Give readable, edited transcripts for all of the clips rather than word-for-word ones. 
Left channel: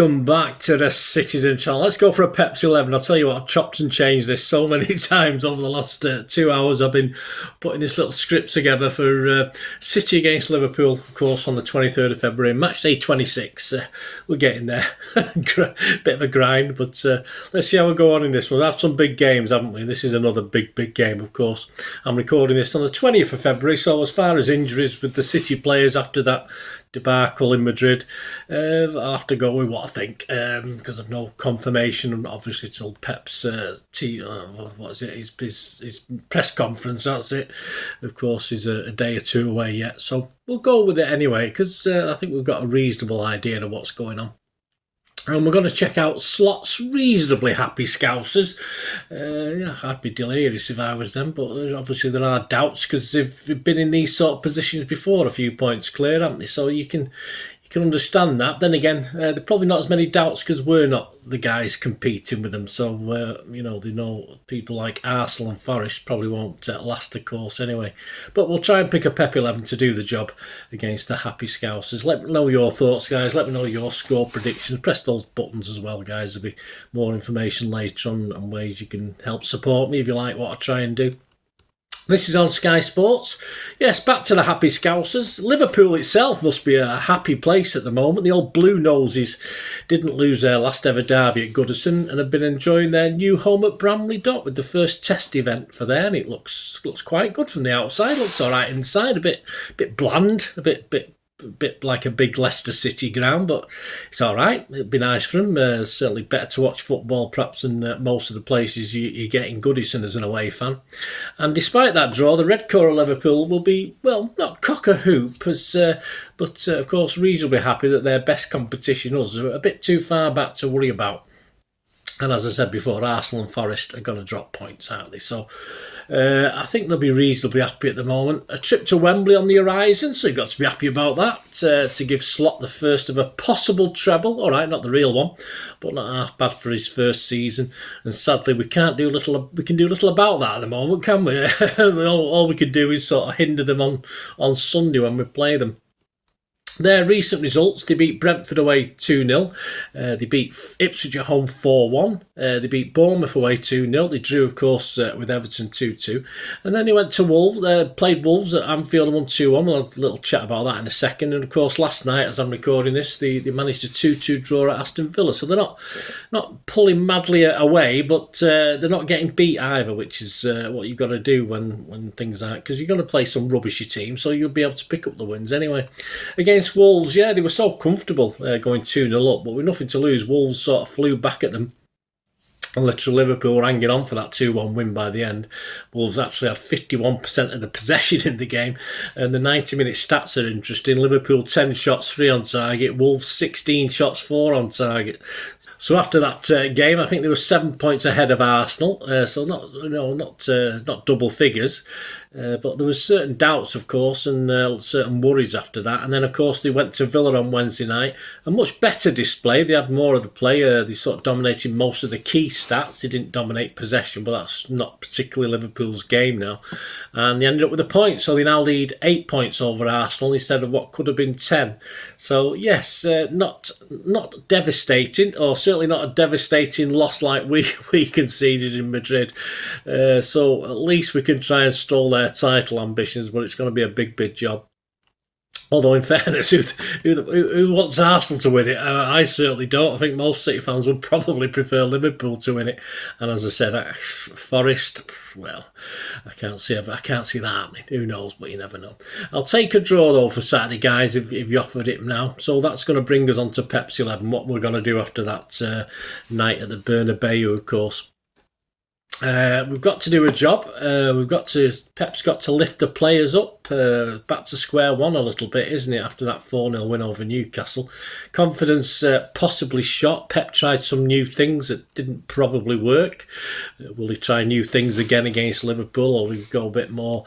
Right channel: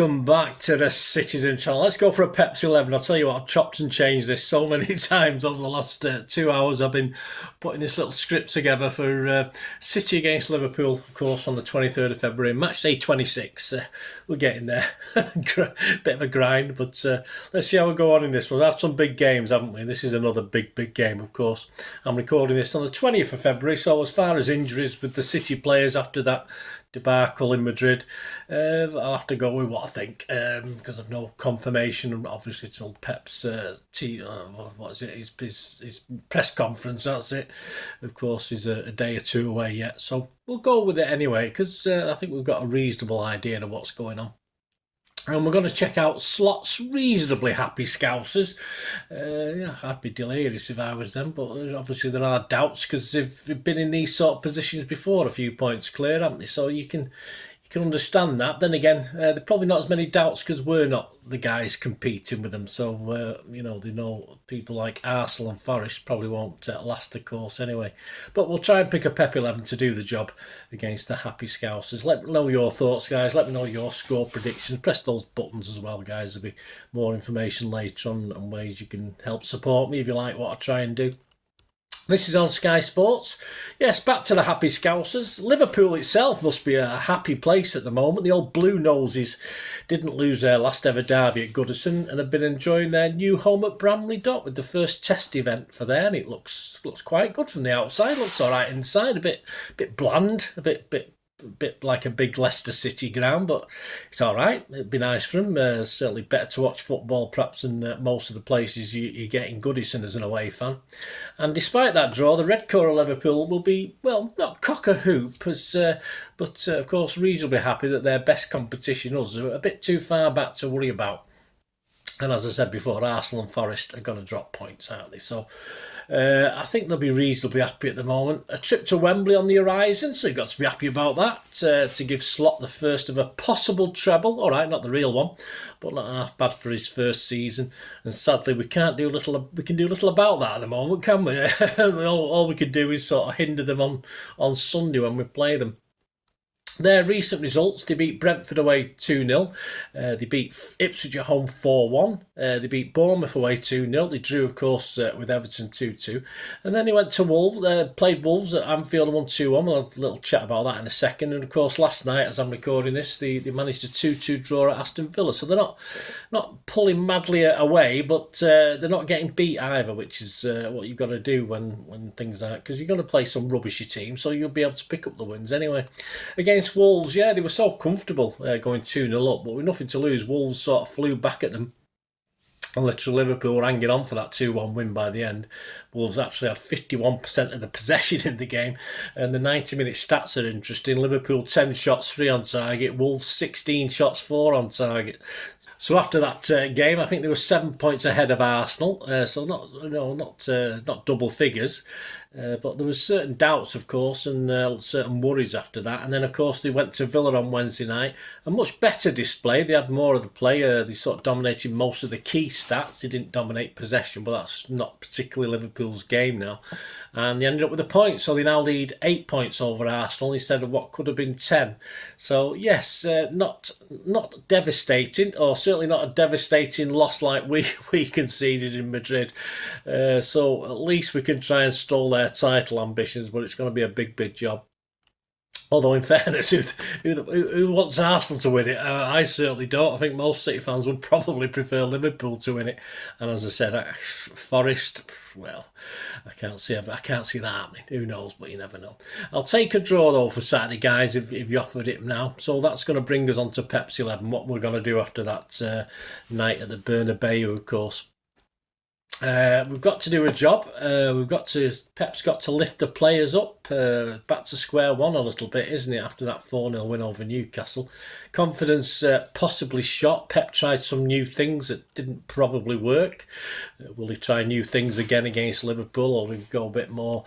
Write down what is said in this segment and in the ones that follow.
welcome back to the Citizen channel. Let's go for a Pepsi 11. I'll tell you what, I've chopped and changed this so many times over the last 2 hours. I've been putting this little script together for City against Liverpool, of course, on the 23rd of February, match day 26. We're getting there. Bit of a grind, but let's see how we go on in this one. We've had some big games, haven't we? This is another big game, of course. I'm recording this on the 20th of February, so as far as injuries with the City players after that debacle in Madrid, I'll have to go with what I think, because I've no confirmation, obviously, till Pep's his press conference. That's it. Of course, he's a day or two away yet, so we'll go with it anyway, because I think we've got a reasonable idea of what's going on. And we're going to check out Slot's reasonably happy Scousers. I'd be delirious if I was them, but obviously there are doubts because they've been in these sort of positions before, a few points clear, haven't they? So you can understand that. Then again, there are probably not as many doubts because we're not the guys competing with them. So, they know people like Arsenal and Forest probably won't last the course anyway. But we'll try and pick a Pep 11 to do the job against the happy Scousers. Let me know your thoughts, guys. Let me know your score predictions. Press those buttons as well, guys. There'll be more information later on ways you can help support me if you like what I try and do. This is on Sky Sports. Yes, back to the happy Scousers. Liverpool itself must be a happy place at the moment. The old Blue Noses didn't lose their last ever derby at Goodison and have been enjoying their new home at Bramley Dock with the first test event for there, and it looks quite good from the outside. Looks all right inside, a bit bland, a bit like a big Leicester City ground, but it's all right. It'd be nice for them. Certainly better to watch football perhaps than most of the places you get in Goodison as an away fan. And despite that draw, the Red Core of Liverpool will be, well, not cock-a-hoop, but of course reasonably happy that their best competition, us, are a bit too far back to worry about. And as I said before, Arsenal and Forest are going to drop points, aren't they? So I think they'll be reasonably happy at the moment. A trip to Wembley on the horizon, so you've got to be happy about that. To give Slot the first of a possible treble. All right, not the real one, but not half bad for his first season. And sadly, we can do little about that at the moment, can we? all we can do is sort of hinder them on Sunday when we play them. Their recent results, they beat Brentford away 2-0. They beat Ipswich at home 4-1. They beat Bournemouth away 2-0. They drew, of course, with Everton 2-2. And then they went to Wolves, played Wolves at Anfield and won 2-1. We'll have a little chat about that in a second. And, of course, last night, as I'm recording this, they managed a 2-2 draw at Aston Villa. So they're not pulling madly away, but they're not getting beat either, which is what you've got to do when things aren't, because you're going to play some rubbishy team, so you'll be able to pick up the wins anyway. Against Wolves, yeah, they were so comfortable going 2-0 up, but with nothing to lose, Wolves sort of flew back at them. And literally Liverpool were hanging on for that 2-1 win by the end. Wolves actually had 51% of the possession in the game. And the 90-minute stats are interesting. Liverpool 10 shots, 3 on target. Wolves 16 shots, 4 on target. So after that game, I think they were 7 points ahead of Arsenal. So not double figures. But there was certain doubts, of course, and certain worries after that. And then, of course, they went to Villa on Wednesday night. A much better display. They had more of the play. They sort of dominated most of the key stats. They didn't dominate possession, but that's not particularly Liverpool's game now. And they ended up with a point. So they now lead 8 points over Arsenal instead of what could have been 10. So, yes, not devastating, or certainly not a devastating loss like we conceded in Madrid. So at least we can try and stall their title ambitions, but it's going to be a big job. Although, in fairness, who wants Arsenal to win it? I certainly don't. I think most City fans would probably prefer Liverpool to win it. And as I said, Forest, well, I can't see that happening. Who knows? But you never know. I'll take a draw though for Saturday, guys, if you offered it now. So that's going to bring us on to Pepsi 11. What we're going to do after that night at the Bernabeu, of course. We've got to do a job. Pep's got to lift the players up back to square one a little bit, isn't it? After that 4-0 win over Newcastle, confidence possibly shot. Pep tried some new things that didn't probably work. Will he try new things again against Liverpool, or will he go a bit more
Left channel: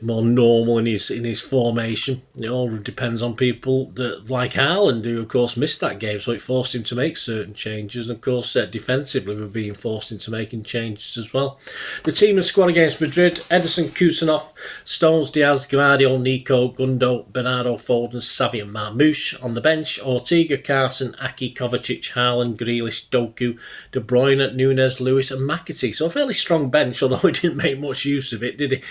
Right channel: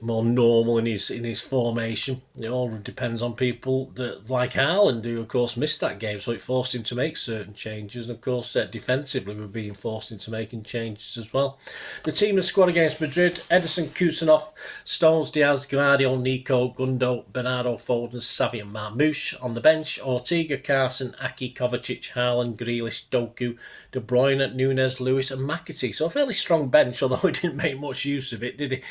normal in his formation? It all depends on people that like Haaland, who of course missed that game, so it forced him to make certain changes. And of course, defensively, we're being forced into making changes as as well. The team and squad against Madrid: Ederson, Kusanov, Stones, Diaz, Gvardiol, Nico, Gundo, Bernardo, Foden, Xavi and Marmoush. On the bench: Ortega, Carson, Aki, Kovacic, Haaland, Grealish, Doku, De Bruyne, Nunes, Lewis and McAtee. So a fairly strong bench, although he didn't make much use of it, did he?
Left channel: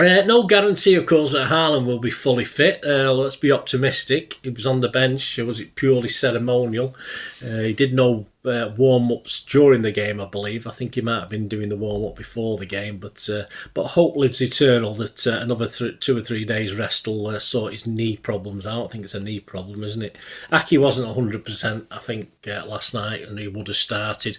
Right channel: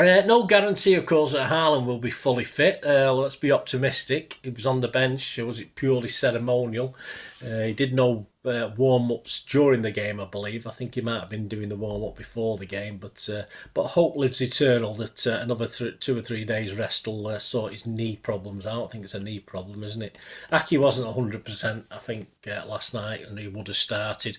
No guarantee, of course, that Haaland will be fully fit. Let's be optimistic. He was on the bench. Was it purely ceremonial? He did no warm-ups during the game, I believe. I think he might have been doing the warm-up before the game, but hope lives eternal that another 2 or 3 days rest will sort his knee problems out. I think it's a knee problem, isn't it? Aki wasn't 100%, I think, last night, and he would have started.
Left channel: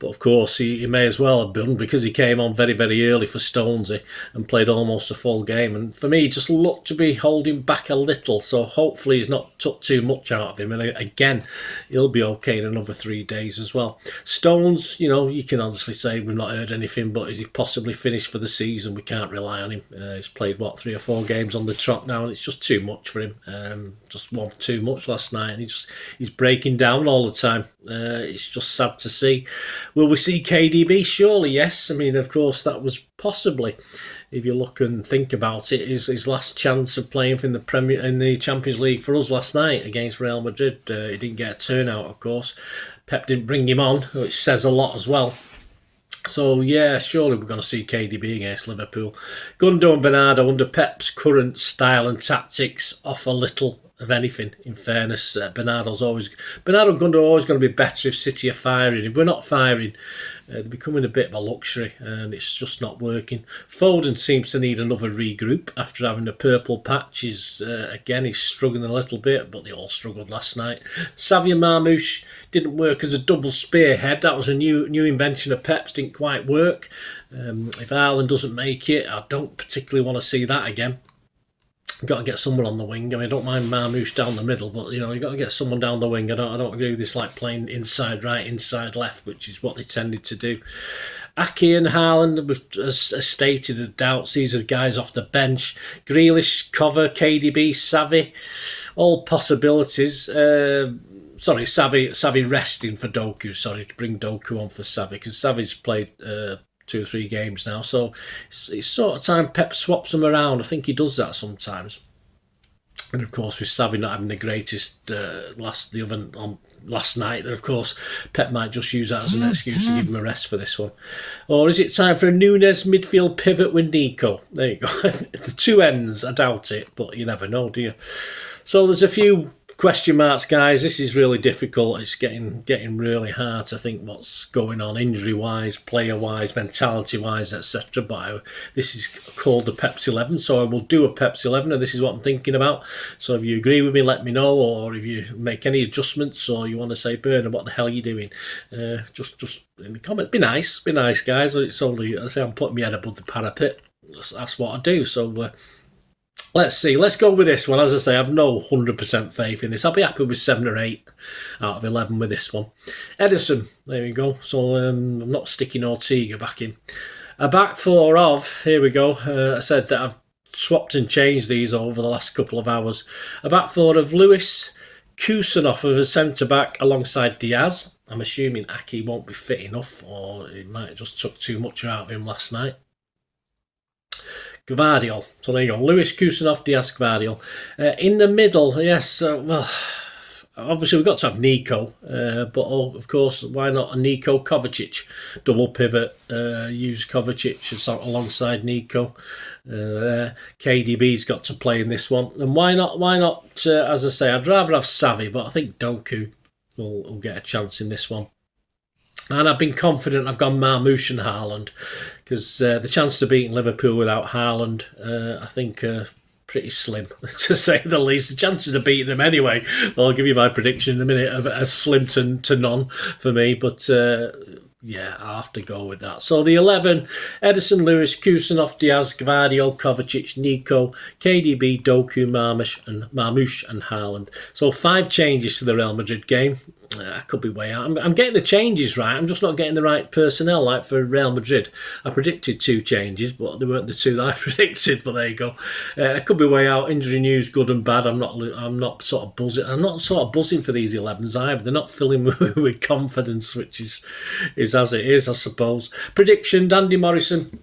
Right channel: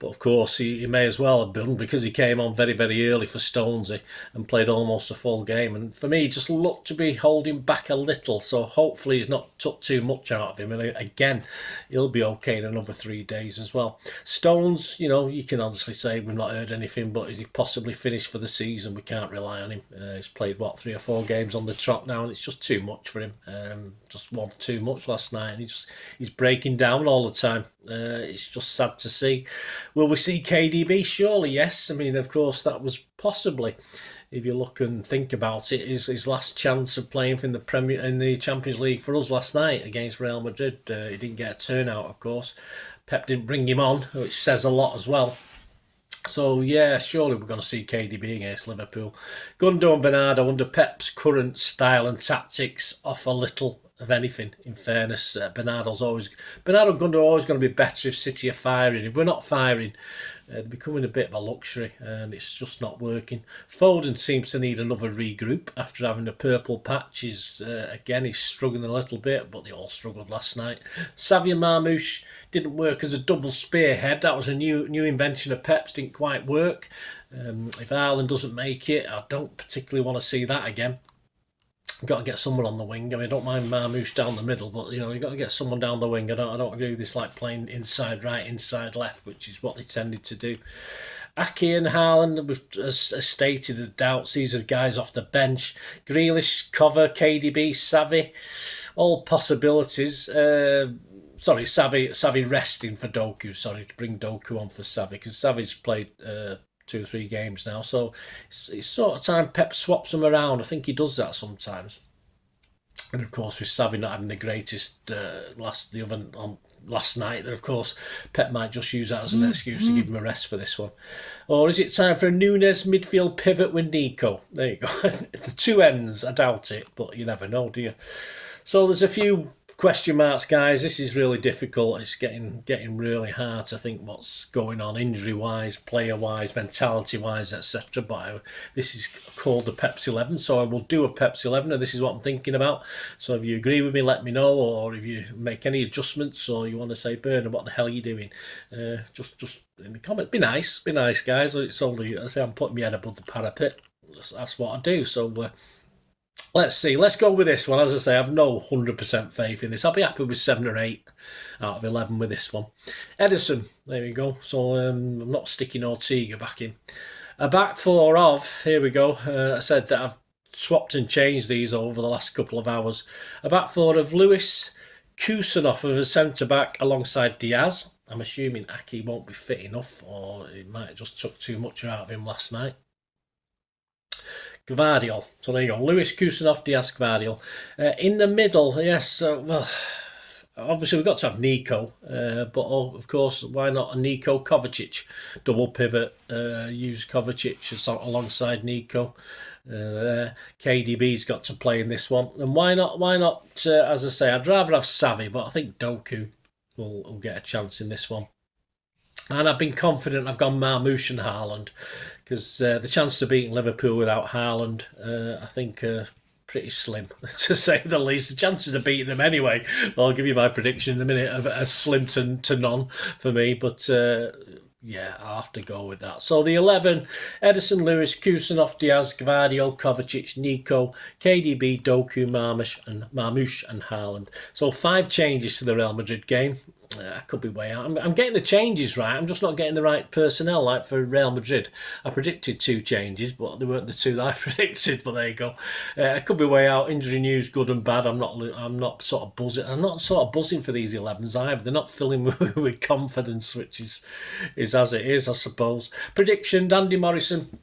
But, of course, he may as well have done, because he came on very, very early for Stonesy and played almost a full game. And for me, he just looked to be holding back a little, so hopefully he's not took too much out of him. And again, he'll be okay in another 3 days as well. Stones, you can honestly say we've not heard anything, but is he possibly finished for the season? We can't rely on him. He's played 3 or 4 games on the trot now, and it's just too much for him. Just one too much last night, and he's breaking down all the time. It's just sad to see. Will we see KDB? Surely yes. I mean, of course, that was possibly, if you look and think about it, his last chance of playing in the Champions League for us last night against Real Madrid. He didn't get a turnout, of course. Pep didn't bring him on, which says a lot as well. So, yeah, surely we're going to see KDB against Liverpool. Gundo and Bernardo, under Pep's current style and tactics, offer little of anything, in fairness. Bernardo and Gundo are always going to be better if City are firing. If we're not firing, they're becoming a bit of a luxury, and it's just not working. Foden seems to need another regroup after having a purple patch. He's struggling a little bit, but they all struggled last night. Xavi and Marmoush didn't work as a double spearhead. That was a new invention of Pep's, didn't quite work. If Haaland doesn't make it, I don't particularly want to see that again. Got to get someone on the wing. I mean, I don't mind Marmoush down the middle, but you got to get someone down the wing. I don't agree with this playing inside right, inside left, which is what they tended to do. Aki and Haaland, as stated, the doubts. These are guys off the bench. Grealish, Cover, KDB, Xavi, all possibilities. Xavi resting for Doku. Sorry, to bring Doku on for Xavi, because Xavi's played 2 or 3 games now, so it's sort of time Pep swaps them around. I think he does that sometimes. And of course, with Xavi not having the greatest last night, of course Pep might just use that as an excuse to give him a rest for this one. Or is it time for a Nunes midfield pivot with Nico? There you go. The 2 ends, I doubt it, but you never know, do you? So there's a few question marks, guys. This is really difficult. It's getting really hard to think what's going on injury-wise, player-wise, mentality-wise, etc. But this is called the Pepsi 11, so I will do a Pepsi 11, and this is what I'm thinking about. So if you agree with me, let me know, or if you make any adjustments, or you want to say, Bernard, what the hell are you doing? Just in the comment. Be nice, guys. It's only, I say, I'm putting my head above the parapet. That's what I do. So. Let's see. Let's go with this one. As I say, I have no 100% faith in this. I'll be happy with 7 or 8 out of 11 with this one. Ederson. There we go. So I'm not sticking Ortega back in. A back 4 of, here we go. I said that I've swapped and changed these over the last couple of hours. A back 4 of Lewis, Kusanov as a centre-back alongside Diaz. I'm assuming Aki won't be fit enough, or he might have just took too much out of him last night. Gvardiol. So there you go. Lewis, Kusanov, Diaz, Gvardiol. In the middle, yes, obviously we've got to have Nico, but of course, why not a Nico Kovacic double pivot? Use Kovacic alongside Nico. KDB's got to play in this one, and why not? As I say, I'd rather have Xavi, but I think Doku will get a chance in this one. And I've been confident I've gone Marmoush and Haaland, because the chances of beating Liverpool without Haaland, I think, are pretty slim, to say the least. The chances of beating them anyway, I'll give you my prediction in a minute, are slim to none for me. But yeah, I'll have to go with that. So the 11, Ederson, Lewis, Kusanov, Diaz, Gvardiol, Kovacic, Nico, KDB, Doku, Marmoush and Haaland. So 5 changes to the Real Madrid game. I could be way out. I'm getting the changes right. I'm just not getting the right personnel. Like for Real Madrid, I predicted 2 changes, but they weren't the 2 that I predicted. But there you go. I could be way out. Injury news, good and bad. I'm not sort of buzzing. I'm not sort of buzzing for these 11s either. They're not filling me with confidence, which is as it is, I suppose. Prediction: Andy Morrison.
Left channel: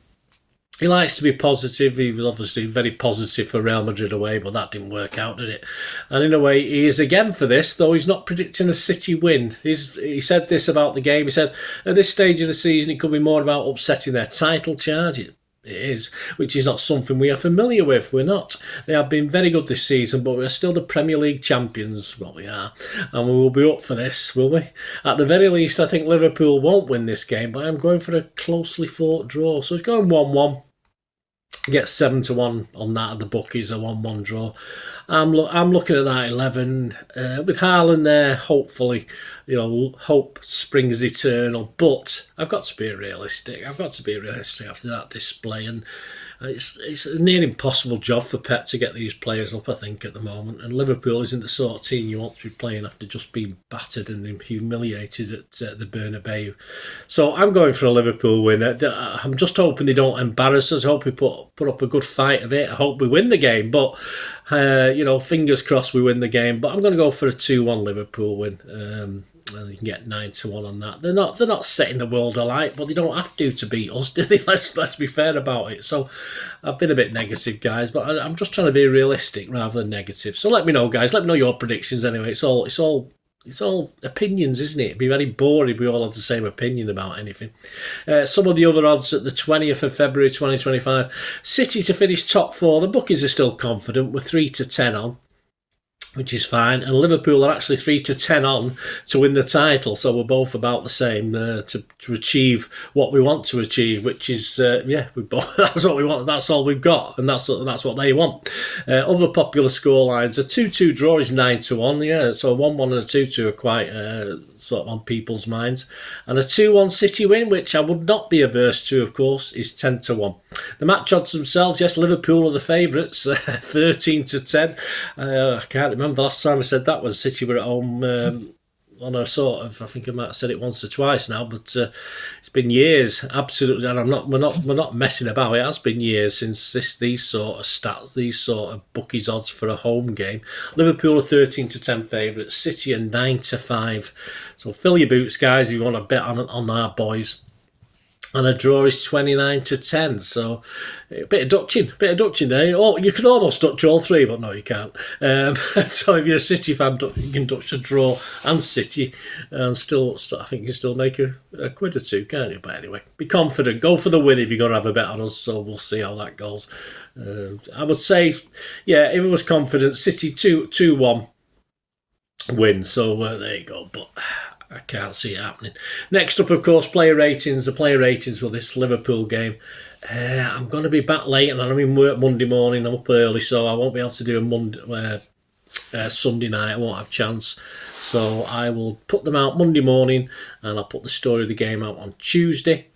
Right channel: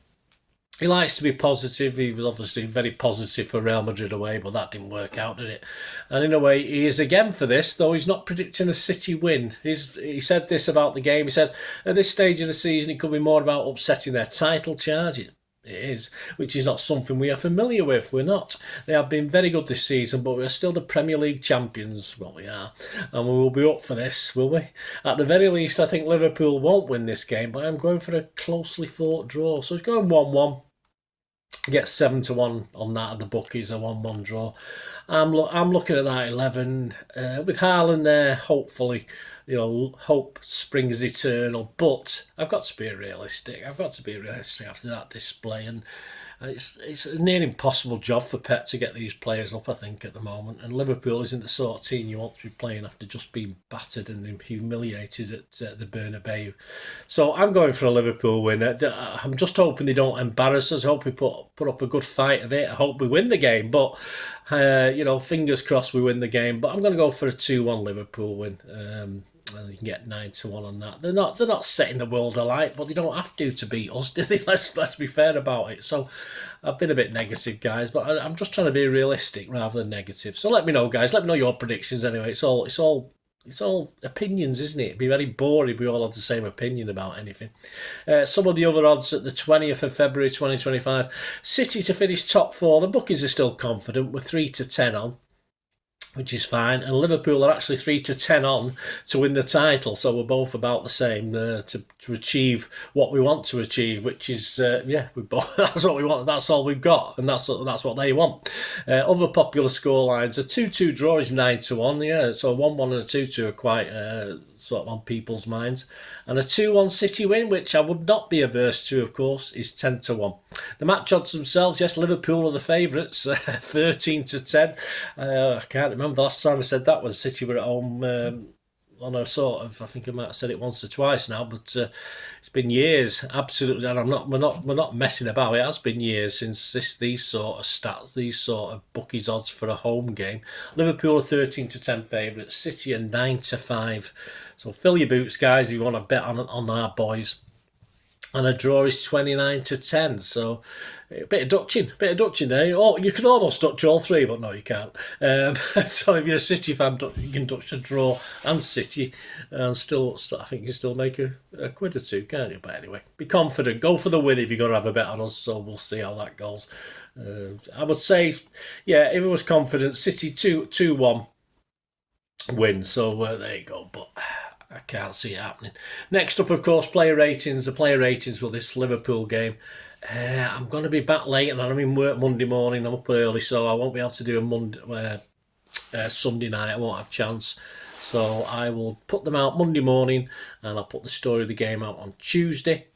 He likes to be positive. He was obviously very positive for Real Madrid away, but that didn't work out, did it? And in a way, he is again for this, though he's not predicting a City win. He said this about the game. He said, at this stage of the season, it could be more about upsetting their title charge. It is, which is not something we are familiar with. We're not. They have been very good this season, but we're still the Premier League champions. Well, we are. And we will be up for this, will we? At the very least, I think Liverpool won't win this game, but I'm going for a closely fought draw. So it's going 1-1. Get 7-1 on that at the bookies, a 1-1 draw. I'm looking at that 11 with Haaland there. Hopefully, hope springs eternal. But I've got to be realistic. After that display, and it's a near impossible job for Pep to get these players up, I think, at the moment. And Liverpool isn't the sort of team you want to be playing after just being battered and humiliated at the Bernabeu. So I'm going for a Liverpool win. I'm just hoping they don't embarrass us. I hope we put up a good fight of it. I hope we win the game. But, fingers crossed we win the game. But I'm going to go for a 2-1 Liverpool win. And you can get 9-1 on that. They're not setting the world alight, but they don't have to beat us, do they? Let's be fair about it. So I've been a bit negative, guys, but I'm just trying to be realistic rather than negative. So let me know, guys. Let me know your predictions anyway. It's all opinions, isn't it? It'd be very boring if we all had the same opinion about anything. Some of the other odds at the 20th of February 2025. City to finish top 4. The bookies are still confident. We're 3-10 on, which is fine. And Liverpool are actually 3-10 on to win the title. So we're both about the same to achieve what we want to achieve, which is, that's what we want. That's all we've got. And that's what they want. Other popular scorelines, a 2-2 draw is 9-1. Yeah, so 1-1 and a 2-2 are quite sort of on people's minds. And a 2-1 City win, which I would not be averse to, of course, is 10-1. The match odds themselves, yes, Liverpool are the favourites, 13-10. I can't remember the last time I said that was City were at home on a sort of, I think I might have said it once or twice now, but it's been years, absolutely, and we're not messing about. It has been years since these sort of stats, these sort of bookies odds for a home game. Liverpool are 13-10 favourites, City are 9-5. So fill your boots, guys, if you want to bet on our boys. And a draw is 29-10, so a bit of Dutching there. Oh, you could almost Dutch all 3, but no, you can't. So if you're a City fan, you can Dutch a draw and City, and still, I think you can still make a quid or 2, can't you? But anyway, be confident. Go for the win if you're going to have a bet on us, so we'll see how that goes. I would say, yeah, if it was confident, City 2-1 win, so there you go, but I can't see it happening. Next up, of course, player ratings. The player ratings for this Liverpool game. I'm going to be back late, and I'm in work Monday morning. I'm up early, so I won't be able to do Sunday night. I won't have a chance. So I will put them out Monday morning, and I'll put the story of the game out on Tuesday.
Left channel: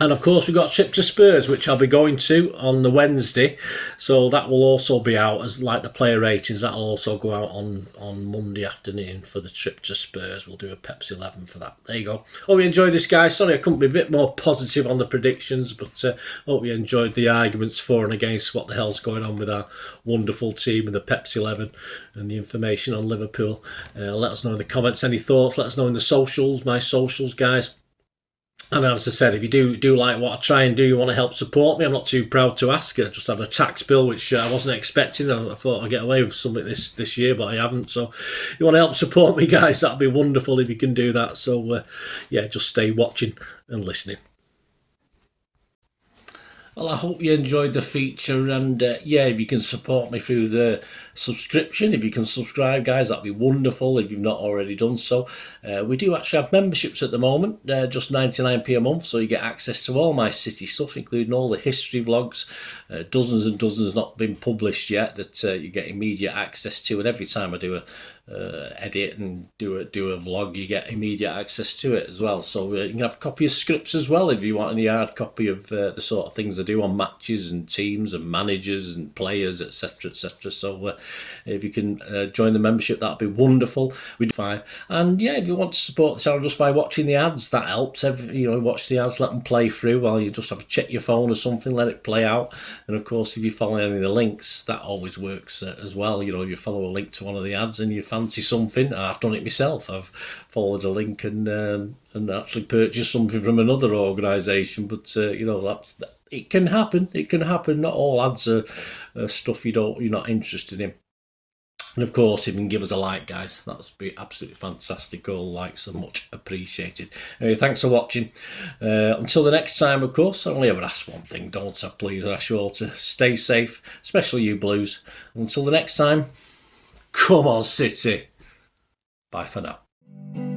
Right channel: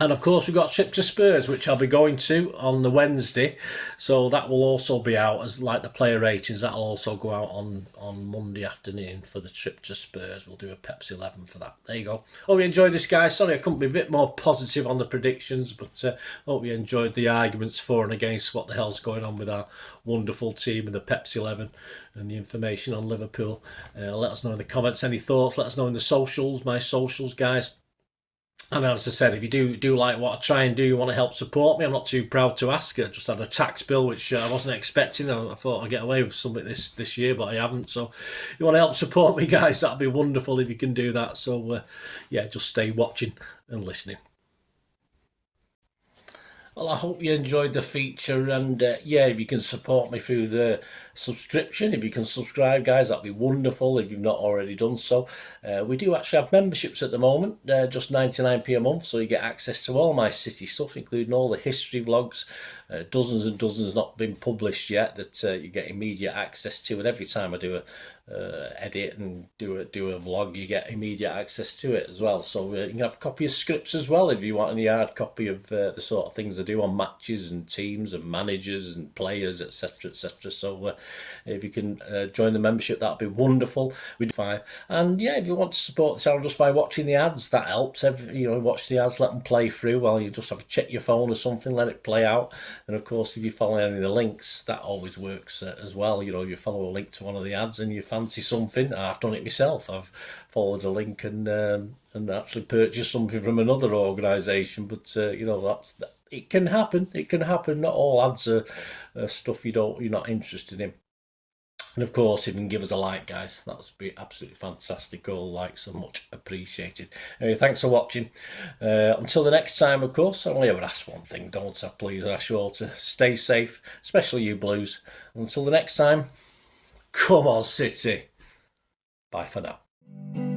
And of course, we've got a trip to Spurs, which I'll be going to on the Wednesday. So that will also be out as like the player ratings. That'll also go out on Monday afternoon for the trip to Spurs. We'll do a Pepsi 11 for that. There you go. Hope you enjoyed this, guys. Sorry I couldn't be a bit more positive on the predictions, but hope you enjoyed the arguments for and against what the hell's going on with our wonderful team and the Pepsi 11 and the information on Liverpool. Let us know in the comments any thoughts. Let us know in the socials, my socials, guys. And as I said, if you do like what I try and do, you want to help support me, I'm not too proud to ask. I just had a tax bill which I wasn't expecting. I thought I'd get away with something this year, but I haven't. So if you want to help support me, guys, that'd be wonderful if you can do that. So just stay watching and listening. Well, I hope you enjoyed the feature, and if you can support me through the subscription, if you can subscribe, guys, that'd be wonderful if you've not already done so. We do actually have memberships at the moment, just 99p a month, so you get access to all my City stuff, including all the history vlogs, dozens and dozens not been published yet that you get immediate access to, and every time I do edit and do a vlog, you get immediate access to it as well. So you can have a copy of scripts as well if you want any hard copy of the sort of things I do on matches and teams and managers and players, etc, etc. So if you can join the membership, that'd be wonderful. We'd fine. And yeah, if you want to support the channel just by watching the ads, that helps. Watch the ads, let them play through while you just have to check your phone or something, let it play out. And of course, if you follow any of the links, that always works as well. You follow a link to one of the ads and you fancy something. I've done it myself. I've followed a link and actually purchased something from another organisation. But it can happen. It can happen. Not all ads are stuff you're not interested in. And of course, if you can give us a like, guys, that's be absolutely fantastic. All likes are much appreciated. Anyway, thanks for watching. Until the next time, of course, I only ever ask one thing, don't I? Please, I ask you all to stay safe, especially you Blues. Until the next time, come on, City. Bye for now.